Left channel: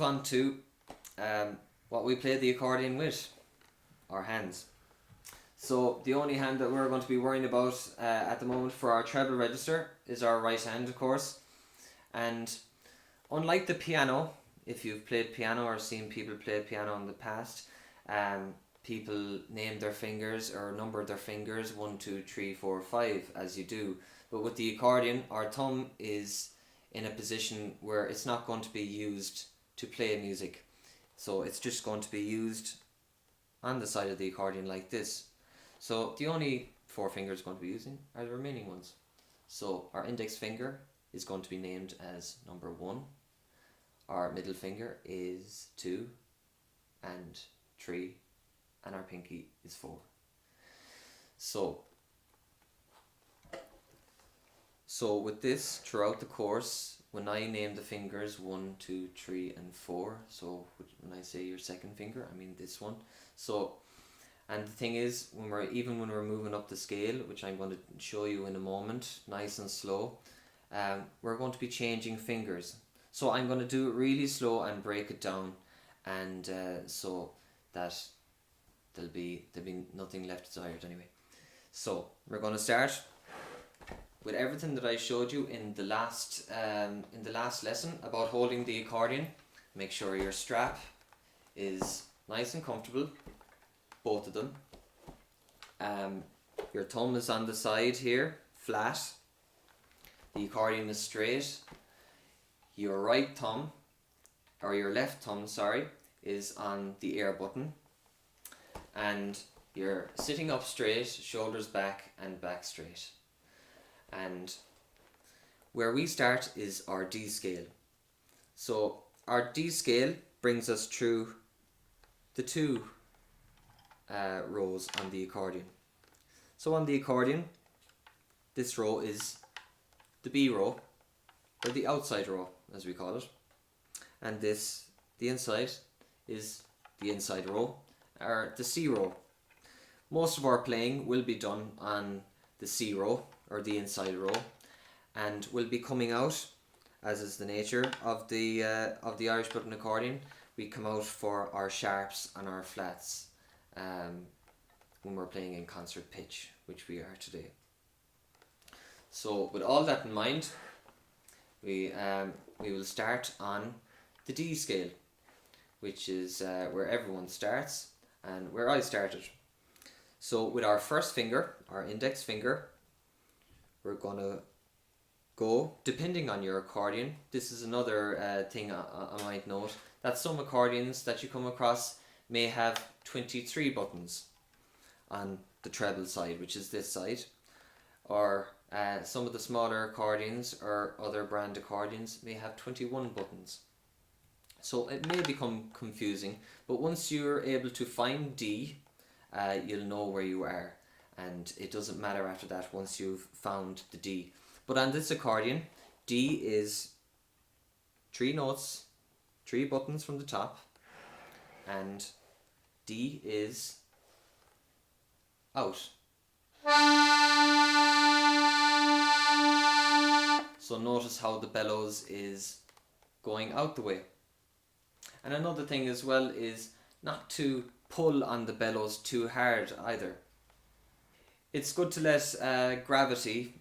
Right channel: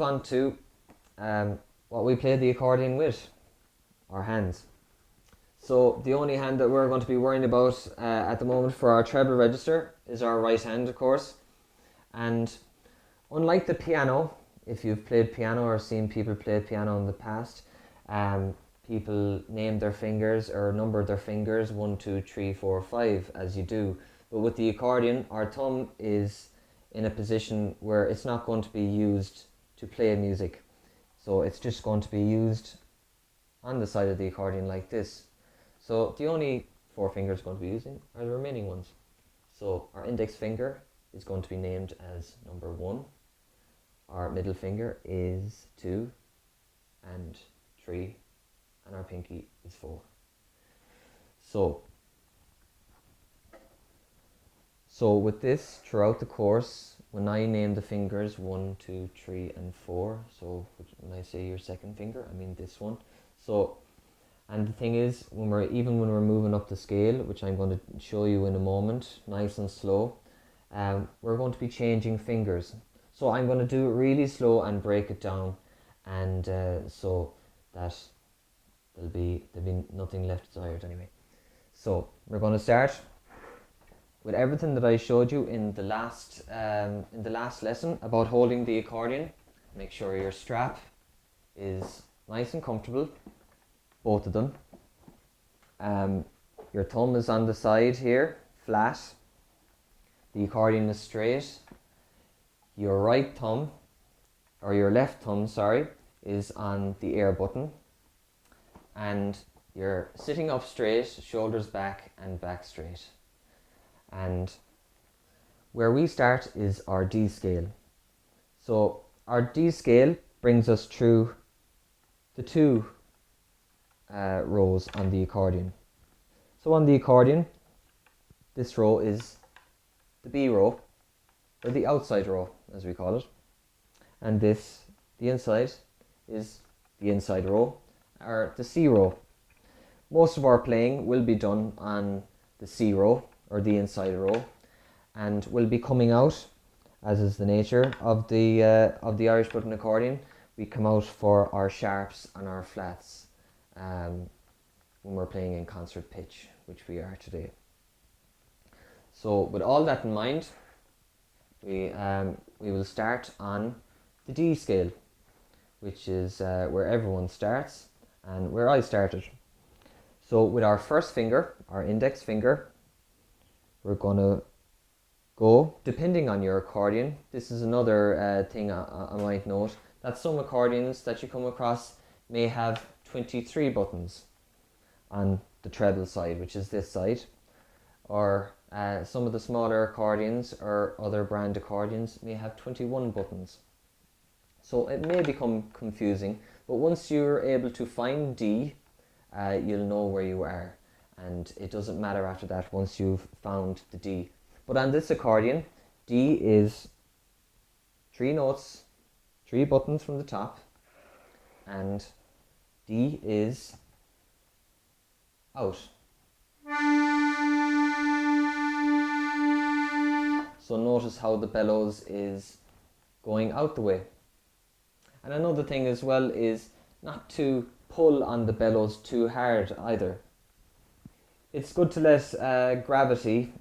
move on to what we play the accordion with, our hands. So the only hand that we're going to be worrying about at the moment for our treble register is our right hand, of course. And unlike the piano, if you've played piano or seen people play piano in the past, people name their fingers or number their fingers 1, 2, 3, 4, 5 as you do. But with the accordion, our thumb is in a position where it's not going to be used to play music. So it's just going to be used on the side of the accordion like this. So the only 4 fingers going to be using are the remaining ones. So our index finger is going to be named as number 1. Our middle finger is 2 and 3, and our pinky is 4. So with this, throughout the course, when I name the fingers 1, 2, 3, and 4, so when I say your second finger, I mean this one. So, and the thing is, when we're moving up the scale, which I'm going to show you in a moment, nice and slow, we're going to be changing fingers. So I'm going to do it really slow and break it down, and so that there'll be nothing left desired anyway. So we're going to start with everything that I showed you in the last lesson about holding the accordion. Make sure your strap is nice and comfortable, both of them. Your thumb is on the side here, flat. The accordion is straight. Your right thumb, or your left thumb, sorry, is on the air button. And you're sitting up straight, shoulders back and back straight. And where we start is our D scale. So our D scale brings us through the 2 rows on the accordion. So on the accordion, this row is the B row, or the outside row as we call it, and this, the inside, is the inside row, or the C row. Most of our playing will be done on the C row, or the inside row, and will be coming out, as is the nature of the Irish button accordion. We come out for our sharps and our flats when we're playing in concert pitch, which we are today. So with all that in mind, we will start on the D scale, which is where everyone starts and where I started. So with our first finger, our index finger, we're going to go, depending on your accordion. This is another thing I might note, that some accordions that you come across may have 23 buttons on the treble side, which is this side, or some of the smaller accordions or other brand accordions may have 21 buttons. So it may become confusing, but once you're able to find D, you'll know where you are, and it doesn't matter after that once you've found the D. But on this accordion, D is 3 notes, 3 buttons from the top, and D is out. So notice how the bellows is going out the way. And another thing as well is not to pull on the bellows too hard either. It's good to let gravity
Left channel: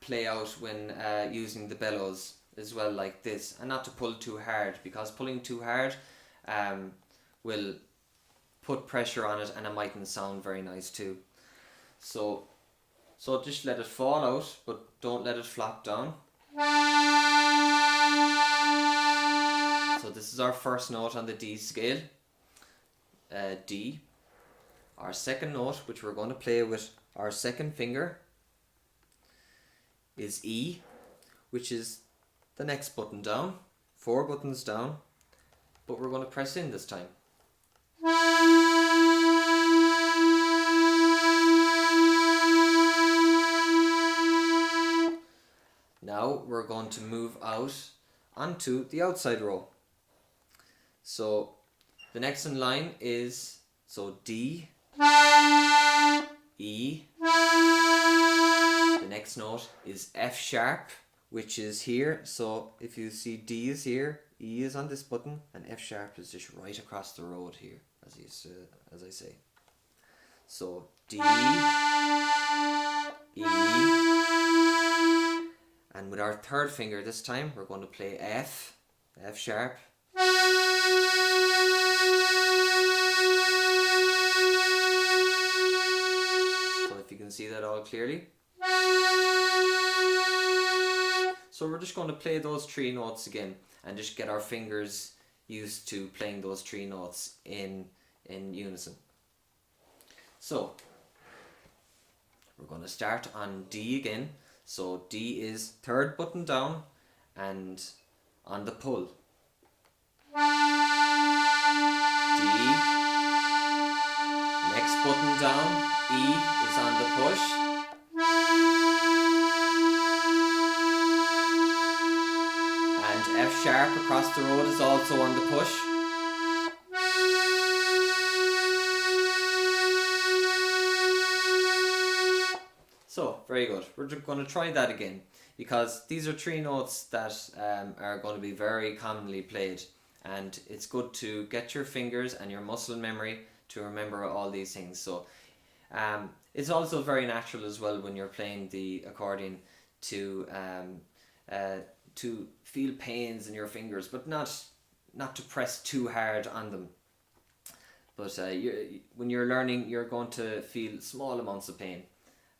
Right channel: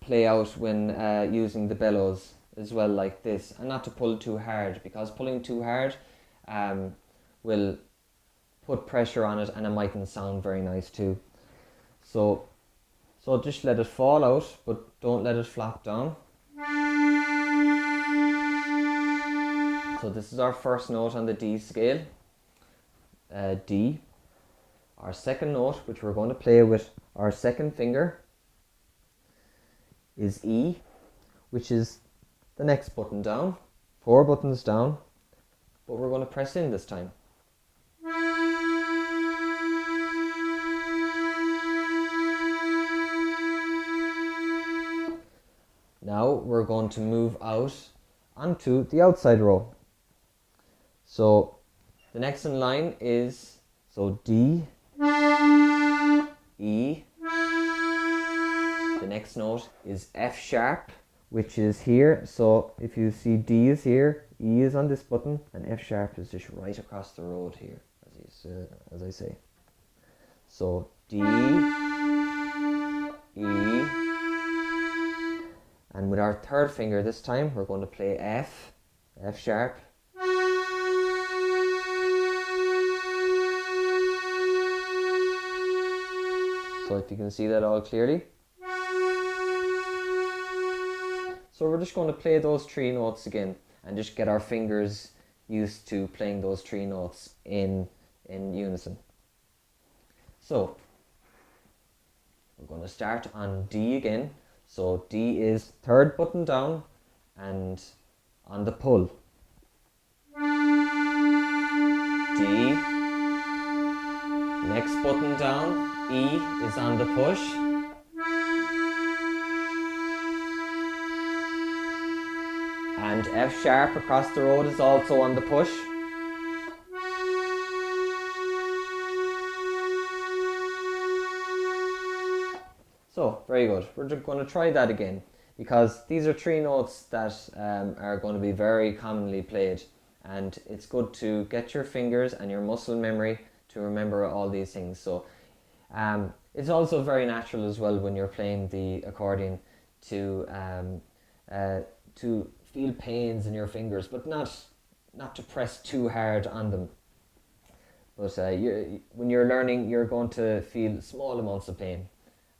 play out when using the bellows as well, like this, and not to pull too hard, because pulling too hard will put pressure on it and it mightn't sound very nice too. So just let it fall out, but don't let it flop down. So this is our first note on the D scale, D. Our second note, which we're going to play with our second finger, is E, which is the next button down, 4 buttons down, but we're going to press in this time. Now we're going to move out onto the outside row. So the next in line is, so D, E, the next note is F sharp, which is here. So if you see D is here, E is on this button, and F sharp is just right across the road here, as I say. So D, E, and with our third finger this time, we're going to play F, F sharp. So if you can see that all clearly. So we're just going to play those three notes again and just get our fingers used to playing those three notes in unison. So we're going to start on D again. So D is third button down and on the pull. D, next button down, E is on the push. And F sharp across the road is also on the push. So, very good. We're just going to try that again because these are three notes that are going to be very commonly played, and it's good to get your fingers and your muscle memory to remember all these things. So it's also very natural as well when you're playing the accordion to feel pains in your fingers, but not to press too hard on them. But when you're learning, you're going to feel small amounts of pain.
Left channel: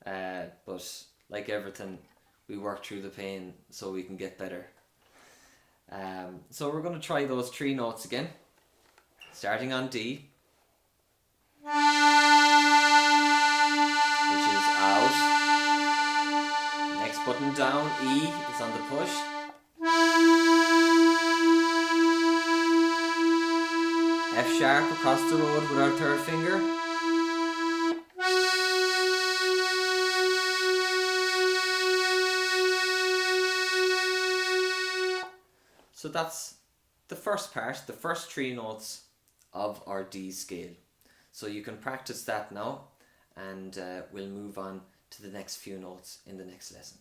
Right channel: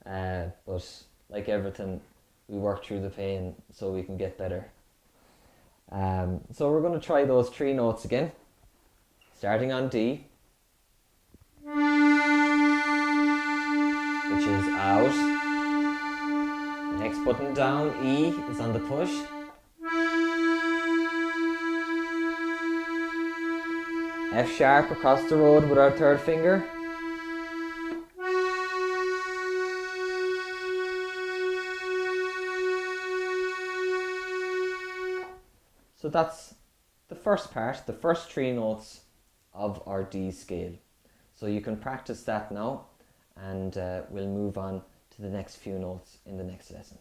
But like everything, we work through the pain so we can get better. So we're going to try those three notes again, starting on D, which is out. Next button down, E is on the push. F sharp across the road with our third finger. So that's the first part, the first three notes of our D scale. So you can practice that now, and we'll move on to the next few notes in the next lesson.